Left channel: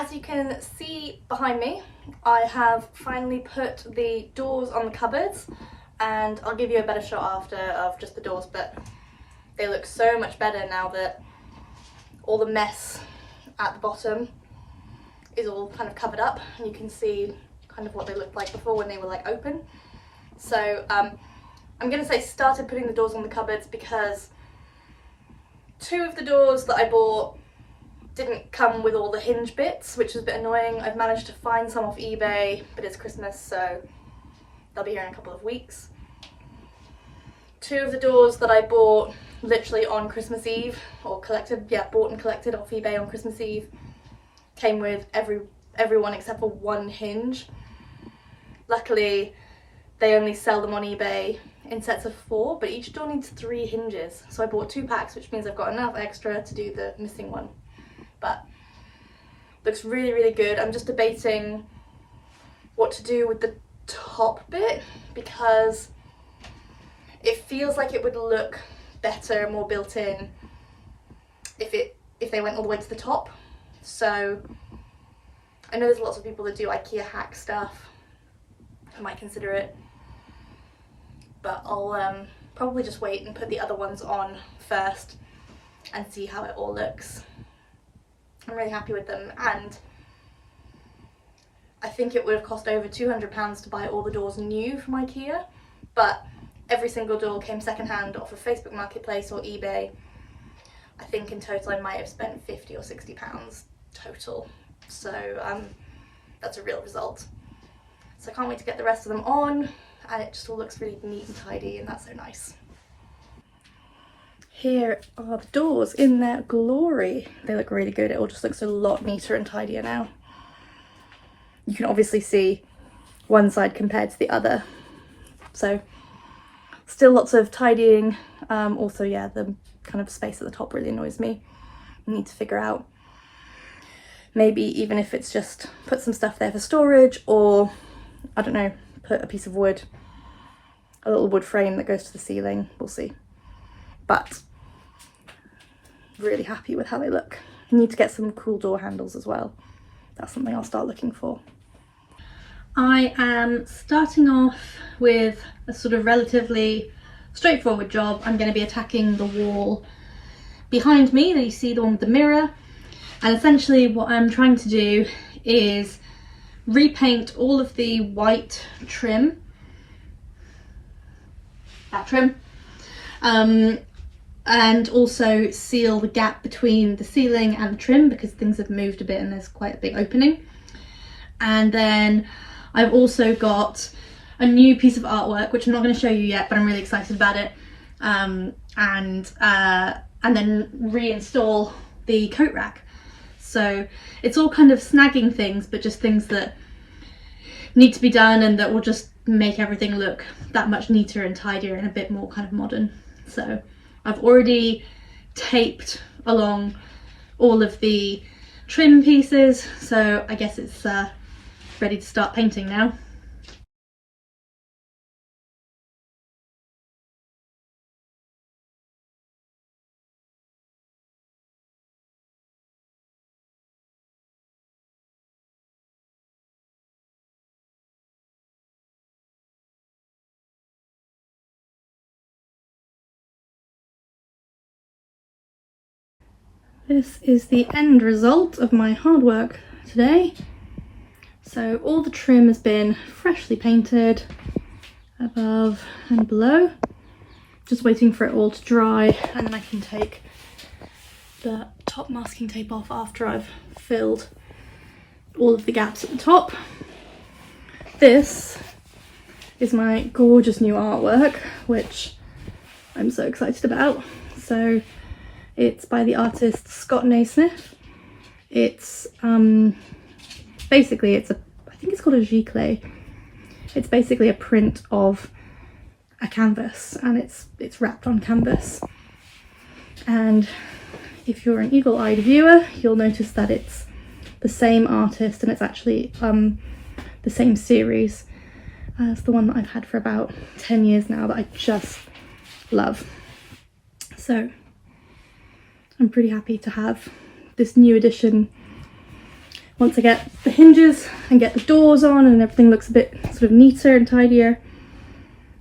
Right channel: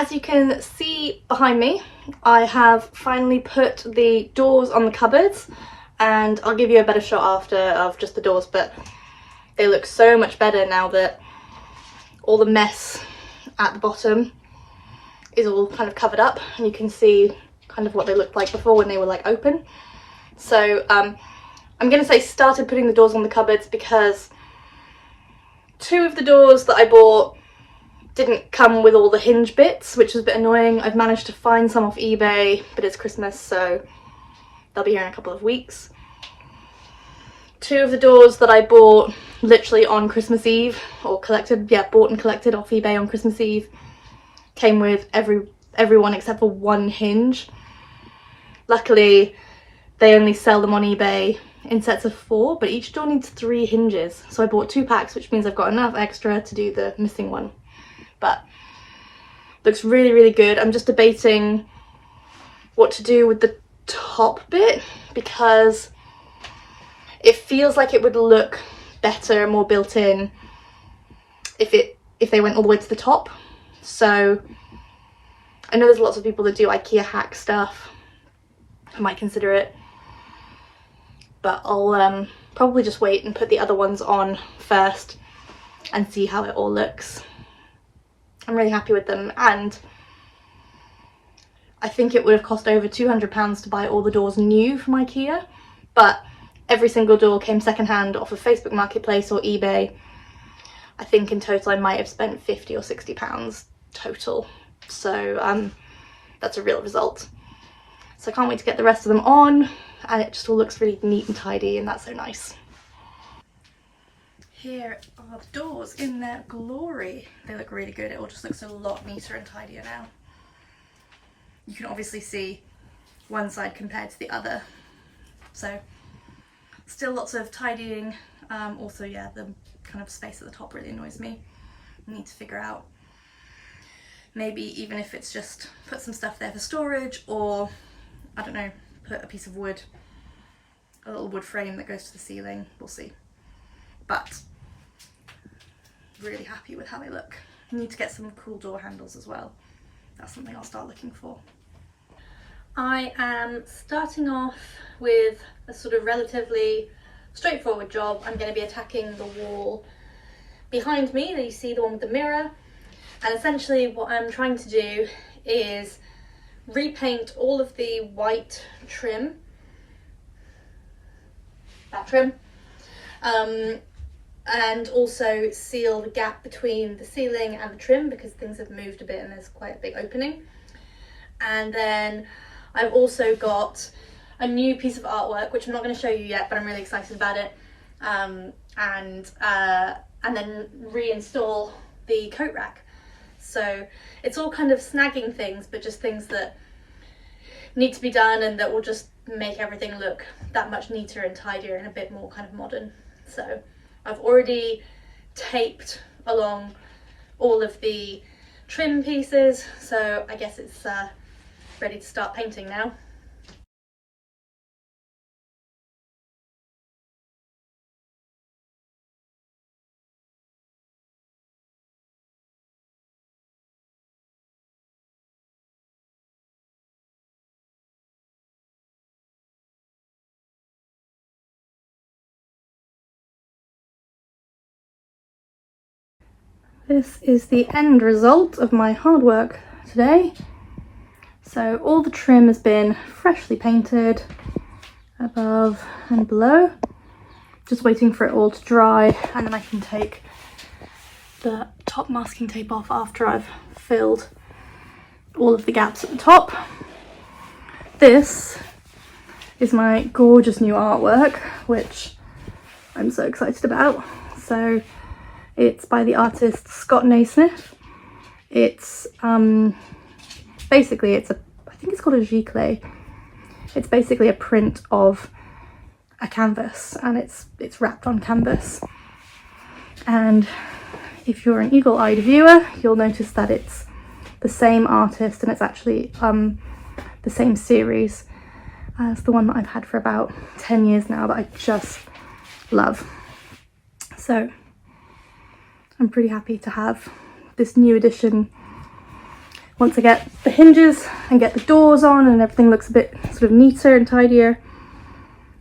as you can see behind me, I have finally put the doors on the cupboards, and I'll give you a better shot after of just the doors, but they look so much better now that all the mess at the bottom is all kind of covered up, and you can see kind of what they looked like before when they were like open. So I'm gonna say started putting the doors on the cupboards because 2 of the doors that I bought didn't come with all the hinge bits, which was a bit annoying. I've managed to find some off eBay, but it's Christmas, so they'll be here in a couple of weeks. 2 of the doors that I bought literally on Christmas Eve, or collected, yeah, bought and collected off eBay on Christmas Eve, came with everyone except for 1 hinge. Luckily, they only sell them on eBay in sets of 4, but each door needs 3 hinges. So I bought 2 packs, which means I've got enough extra to do the missing one. But looks really, really good. I'm just debating what to do with the top bit because it feels like it would look better and more built in if they went all the way to the top. So I know there's lots of people that do IKEA hack stuff. I might consider it, but I'll probably just wait and put the other ones on first and see how it all looks. I'm really happy with them, and I think it would have cost over £200 to buy all the doors new from IKEA, but every single door came secondhand off of Facebook Marketplace or eBay. I think in total I might have spent £50 or £60 total, so that's a real result. So I can't wait to get the rest of them on, and it just all looks really neat and tidy, and that's so nice. Here are the doors in their glory. They look really good. It all just looks a lot neater and tidier now. You can obviously see one side compared to the other. So still lots of tidying. Also, yeah, the kind of space at the top really annoys me. I need to figure out maybe even if it's just put some stuff there for storage, or I don't know, put a piece of wood, a little wood frame that goes to the ceiling. We'll see. But really happy with how they look. I need to get some cool door handles as well. That's something I'll start looking for. I am starting off with a sort of relatively straightforward job. I'm going to be attacking the wall behind me that you see, the one with the mirror, and essentially what I'm trying to do is repaint all of the white trim, that trim, and also seal the gap between the ceiling and the trim because things have moved a bit and there's quite a big opening. And then I've also got a new piece of artwork which I'm not going to show you yet, but I'm really excited about it, and then reinstall the coat rack. So it's all kind of snagging things, but just things that need to be done and that will just make everything look that much neater and tidier and a bit more kind of modern. So I've already taped along all of the trim pieces, so I guess it's ready to start painting now. This is the end result of my hard work today. So all the trim has been freshly painted above and below. Just waiting for it all to dry, and then I can take the top masking tape off after I've filled all of the gaps at the top. This is my gorgeous new artwork, which I'm so excited about. So it's by the artist Scott Naismith. It's basically, I think it's called a giclée. It's basically a print of a canvas, and it's wrapped on canvas. And if you're an eagle-eyed viewer, you'll notice that it's the same artist, and it's actually the same series as the one that I've had for about 10 years now that I just love. So I'm pretty happy to have this new edition once I get the hinges and get the doors on and everything looks a bit sort of neater and tidier,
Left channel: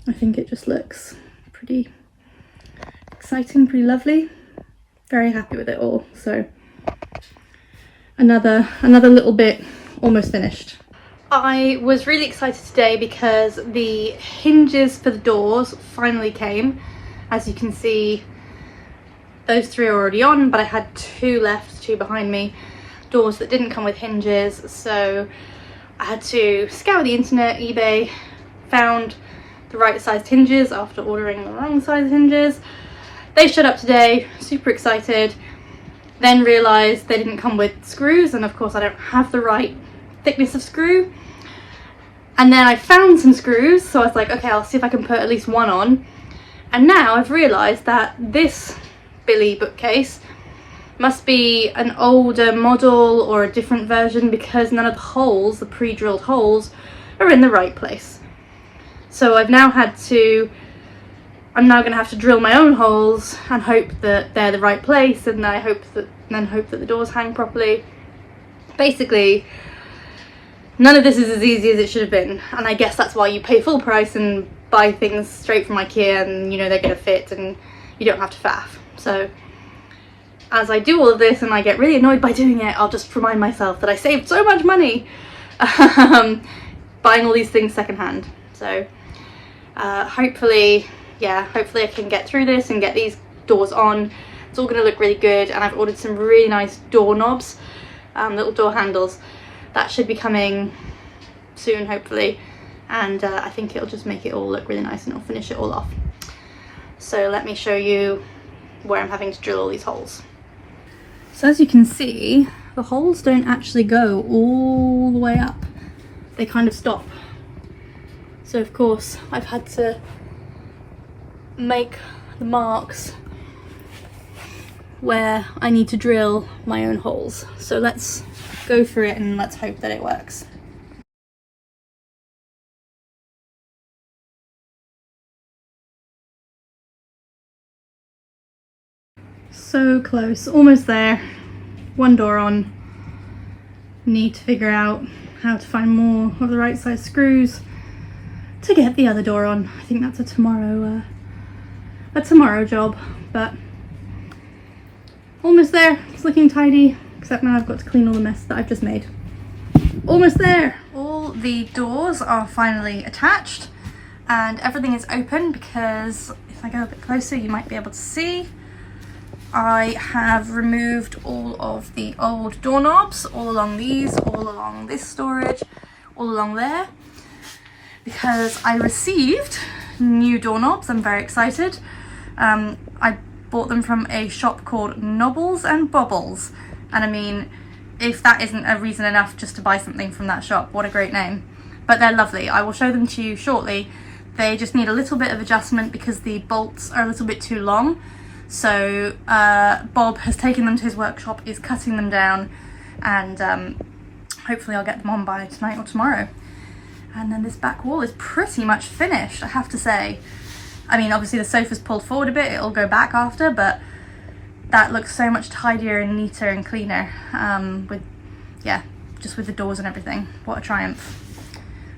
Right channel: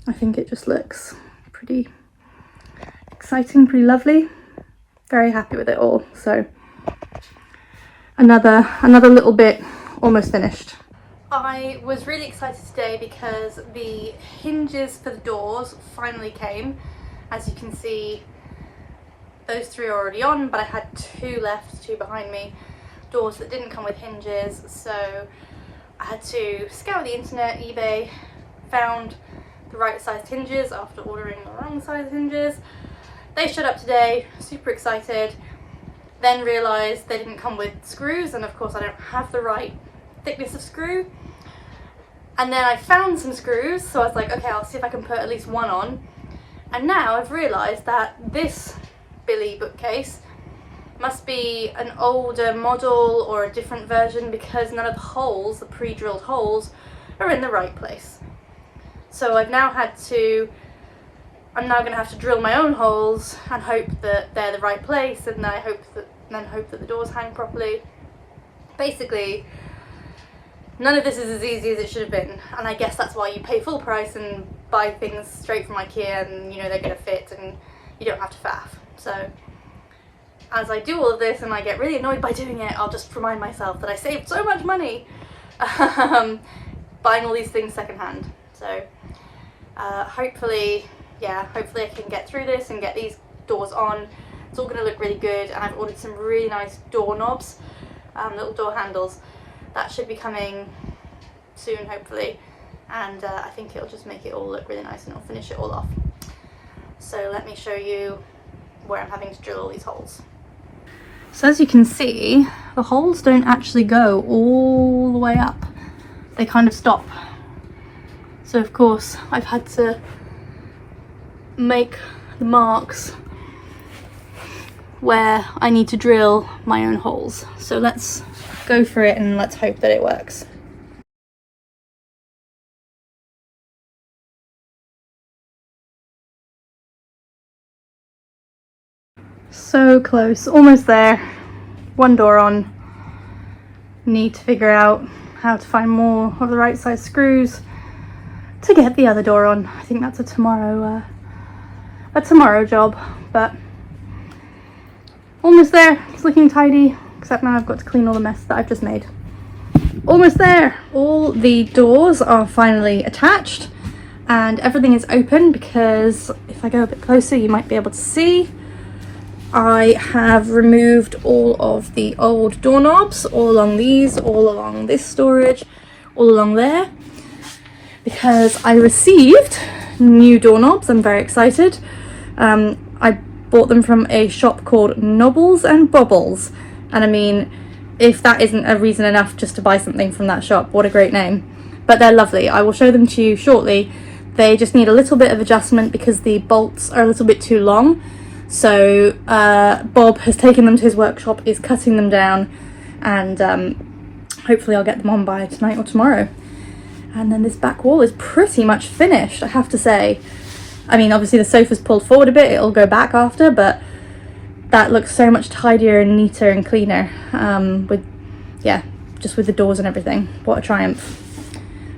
I think it just looks pretty exciting, pretty lovely. Very happy with it all. So another little bit almost finished. I was really excited today because the hinges for the doors finally came. As you can see, those 3 are already on, but I had 2 left, 2 behind me, doors that didn't come with hinges. So I had to scour the internet, eBay, found the right sized hinges after ordering the wrong size hinges. They showed up today, super excited, then realised they didn't come with screws, and of course I don't have the right thickness of screw. And then I found some screws, so I was like, okay, I'll see if I can put at least one on. And now I've realised that this Billy bookcase must be an older model or a different version, because none of the holes, the pre-drilled holes, are in the right place. So I'm now going to have to drill my own holes and hope that they're the right place, and I hope that the doors hang properly. Basically, none of this is as easy as it should have been, and I guess that's why you pay full price and buy things straight from IKEA, and you know they're going to fit and you don't have to faff. So as I do all of this and I get really annoyed by doing it, I'll just remind myself that I saved so much money buying all these things secondhand. So hopefully I can get through this and get these doors on. It's all going to look really good, and I've ordered some really nice doorknobs, little door handles. That should be coming soon, hopefully, and I think it'll just make it all look really nice and it'll finish it all off. So let me show you where I'm having to drill all these holes. So as you can see, the holes don't actually go all the way up. They kind of stop. So of course I've had to make the marks where I need to drill my own holes. So let's go for it and let's hope that it works. So close, almost there. One door on. Need to figure out how to find more of the right size screws to get the other door on. I think that's a tomorrow job, but almost there. It's looking tidy, except now I've got to clean all the mess that I've just made. Almost there. All the doors are finally attached and everything is open, because if I go a bit closer you might be able to see I have removed all of the old doorknobs, all along these, all along this storage, all along there, because I received new doorknobs. I'm very excited. I bought them from a shop called Nobbles and Bobbles, and I mean, if that isn't a reason enough just to buy something from that shop, what a great name. But they're lovely. I will show them to you shortly. They just need a little bit of adjustment because the bolts are a little bit too long. So Bob has taken them to his workshop, is cutting them down, and hopefully I'll get them on by tonight or tomorrow. And then this back wall is pretty much finished, I have to say. I mean, obviously the sofa's pulled forward a bit, it'll go back after, but that looks so much tidier and neater and cleaner, just with the doors and everything. What a triumph.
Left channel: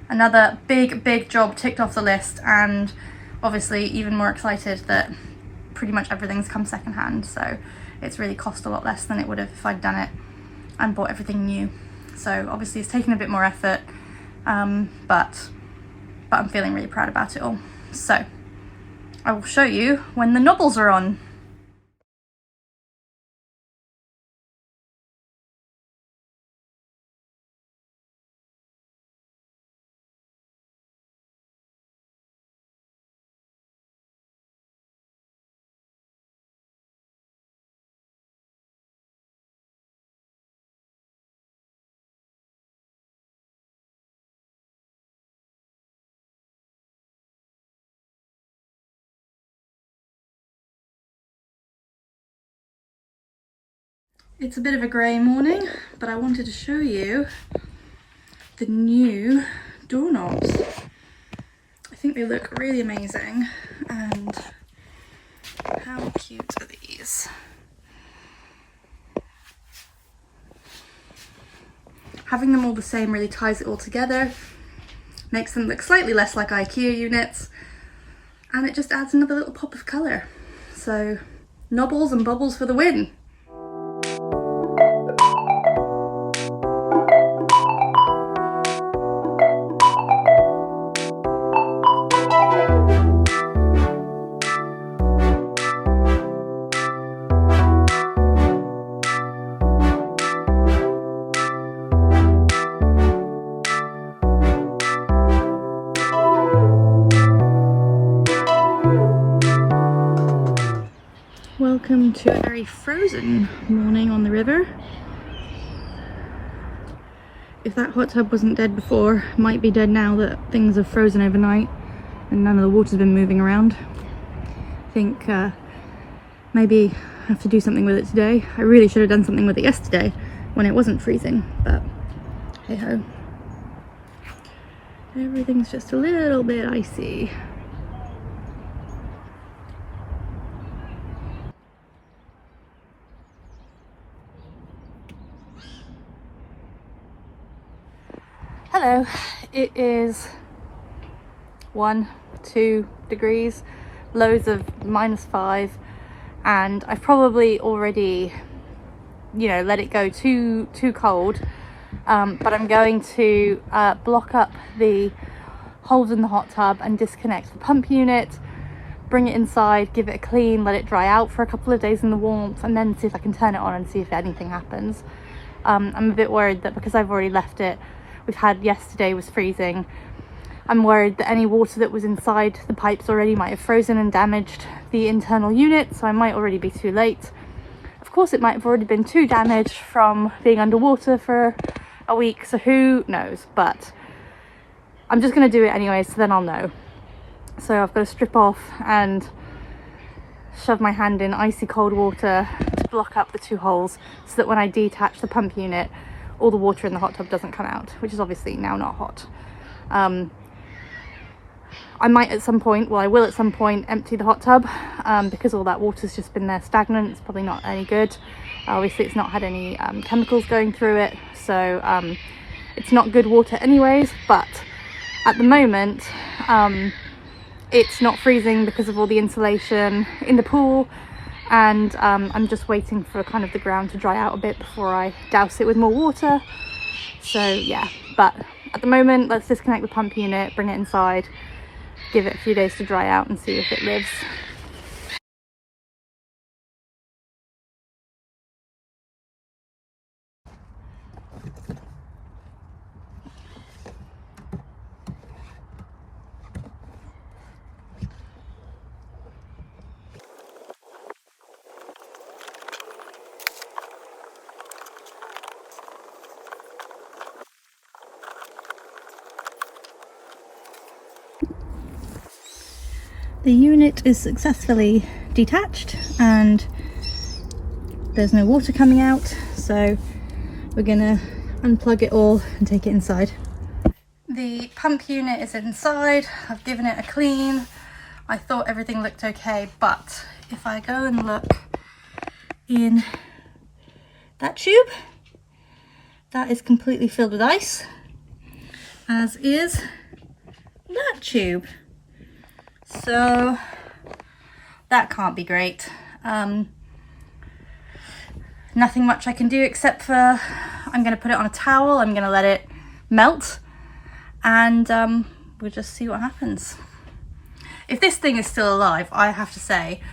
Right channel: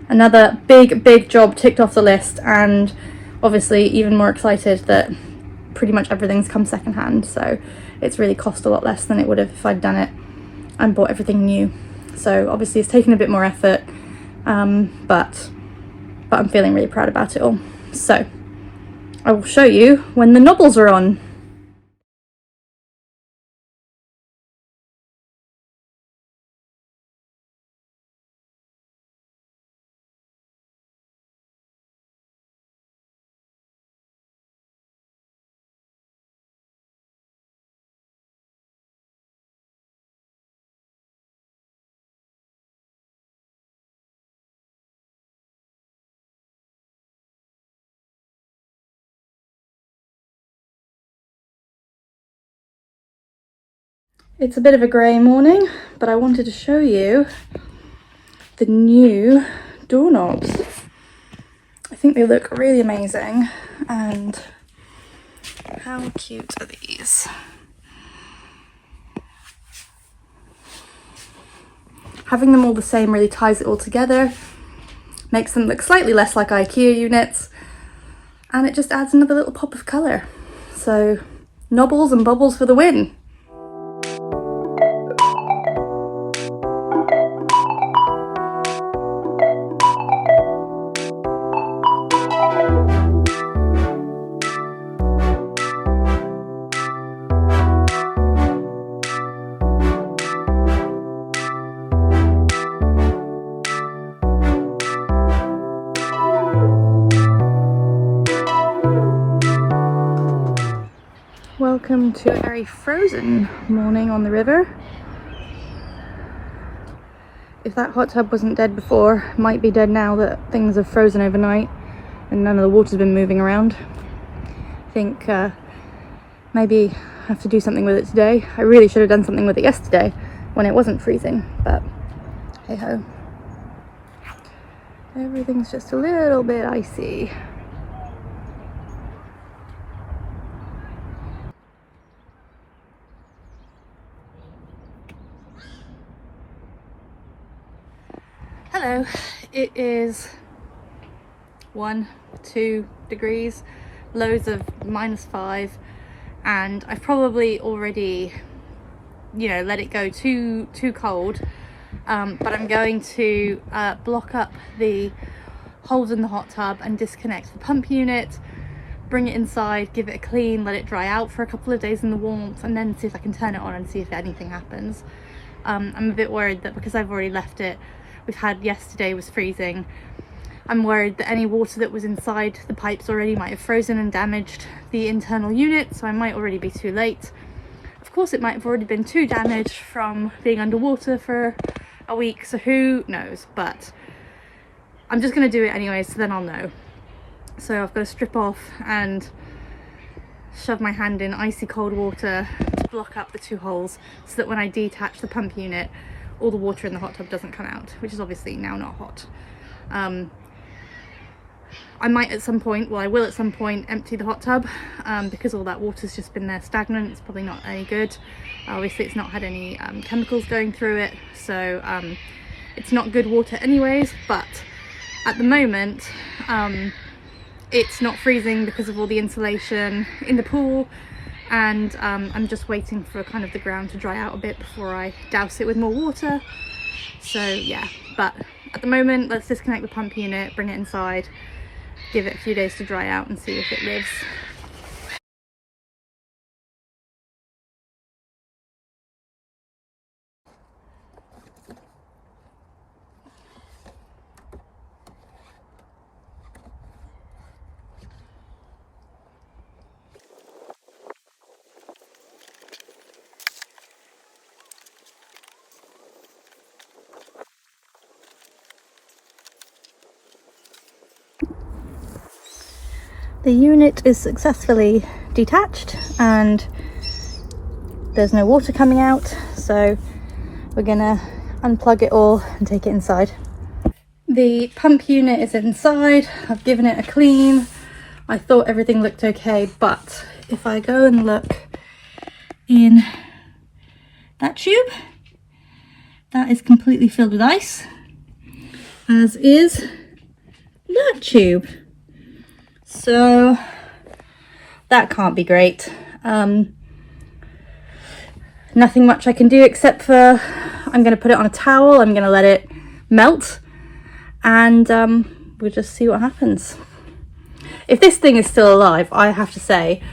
Another big job ticked off the list, and obviously even more excited that pretty much everything's come secondhand, so it's really cost a lot less than it would have if I'd done it and bought everything new. So obviously it's taken a bit more effort, but I'm feeling really proud about it all. So I will show you when the knobbles are on. It's a bit of a grey morning, but I wanted to show you the new doorknobs. I think they look really amazing, and how cute are these? having them all the same really ties it all together, makes them look slightly less like IKEA units, and it just adds another little pop of colour. So nobbles and bubbles for the win. Welcome to a very frozen morning on the river. If that hot tub wasn't dead before, it might be dead now that things have frozen overnight and none of the water's been moving around. I think maybe I have to do something with it today. I really should have done something with it yesterday when it wasn't freezing, but hey ho. Everything's just a little bit icy. Hello, it is 1-2 degrees, lows of -5, and I've probably already, let it go too cold, but I'm going to block up the holes in the hot tub and disconnect the pump unit, bring it inside, give it a clean, let it dry out for a couple of days in the warmth, and then see if I can turn it on and see if anything happens. I'm a bit worried that because I've already left it, yesterday was freezing, I'm worried that any water that was inside the pipes already might have frozen and damaged the internal unit, so I might already be too late. Of course, it might have already been too damaged from being underwater for a week, so who knows, but I'm just going to do it anyway, so then I'll know. So I've got to strip off and shove my hand in icy cold water to block up the 2 holes so that when I detach the pump unit, all the water in the hot tub doesn't come out, which is obviously now not hot. I might at some point, well I will at some point, empty the hot tub because all that water's just been there stagnant. It's probably not any good. Obviously it's not had any chemicals going through it, so it's not good water anyways, but at the moment it's not freezing because of all the insulation in the pool, and I'm just waiting for kind of the ground to dry out a bit before I douse it with more water. So yeah, but at the moment let's disconnect the pump unit, bring it inside, give it a few days to dry out and see if it lives. The unit is successfully detached and there's no water coming out, so we're gonna unplug it all and take it inside. The pump unit is inside. I've given it a clean. I thought everything looked okay, but if I go and look in that tube, that is completely filled with ice, as is that tube. So that can't be great. Nothing much I can do except for I'm going to put it on a towel, I'm going to let it melt, and we'll just see what happens. If this thing is still alive, I have to say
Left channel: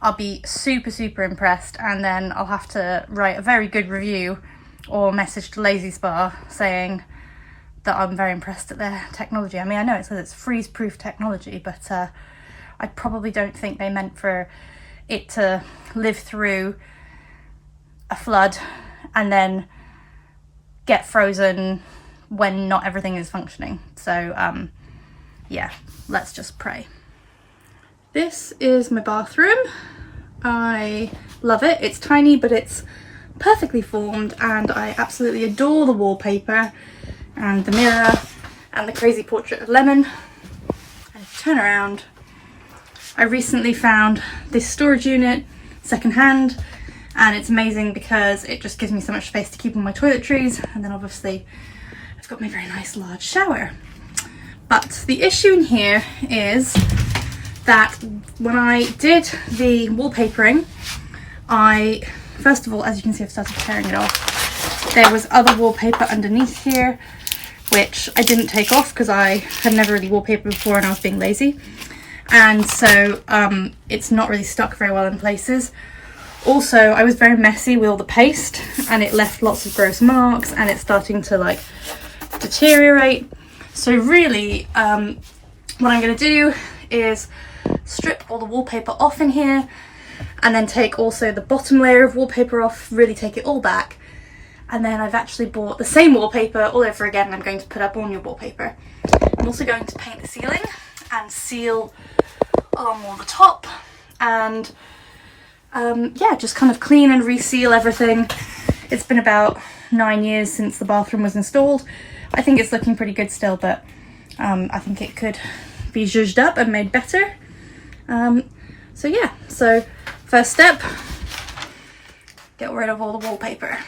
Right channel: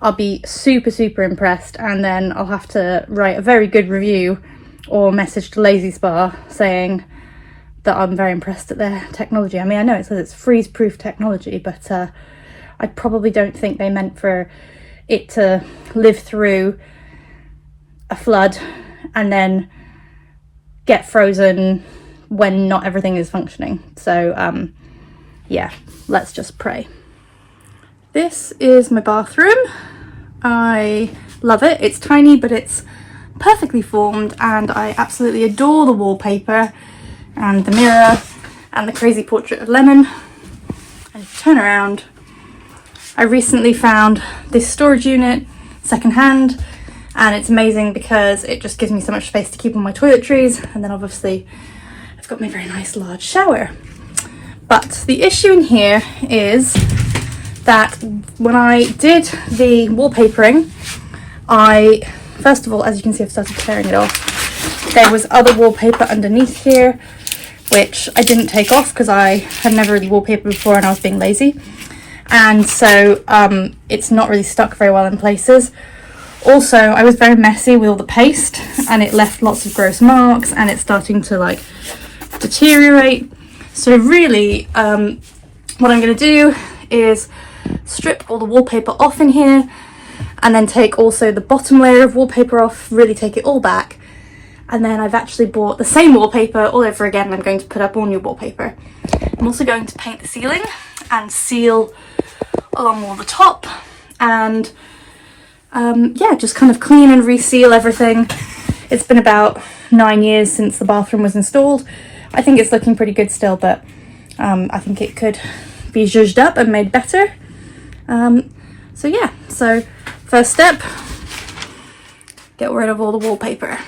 I'll be super impressed, and then I'll have to write a very good review or message to Lazy Spa saying that I'm very impressed at their technology. I mean, I know it says it's freeze-proof technology, but I probably don't think they meant for it to live through a flood and then get frozen when not everything is functioning. So yeah, let's just pray. This is my bathroom. I love it. It's tiny, but it's perfectly formed, and I absolutely adore the wallpaper and the mirror and the crazy portrait of Lemon. And turn around, I recently found this storage unit secondhand, and it's amazing because it just gives me so much space to keep on my toiletries. And then obviously I've got my very nice large shower. But the issue in here is that when I did the wallpapering, first of all, as you can see, I've started tearing it off. There was other wallpaper underneath here, which I didn't take off because I had never really wallpapered before and I was being lazy. And so it's not really stuck very well in places. Also, I was very messy with all the paste and it left lots of gross marks and it's starting to like deteriorate. So really, what I'm going to do is strip all the wallpaper off in here and then take also the bottom layer of wallpaper off, really take it all back. And then I've actually bought the same wallpaper all over again and I'm going to put up all new wallpaper. I'm also going to paint the ceiling and seal along all the top and yeah, just kind of clean and reseal everything. It's been about 9 years since the bathroom was installed. I think it's looking pretty good still, but I think it could be zhuzhed up and made better. So yeah, so first step, get rid of all the wallpaper.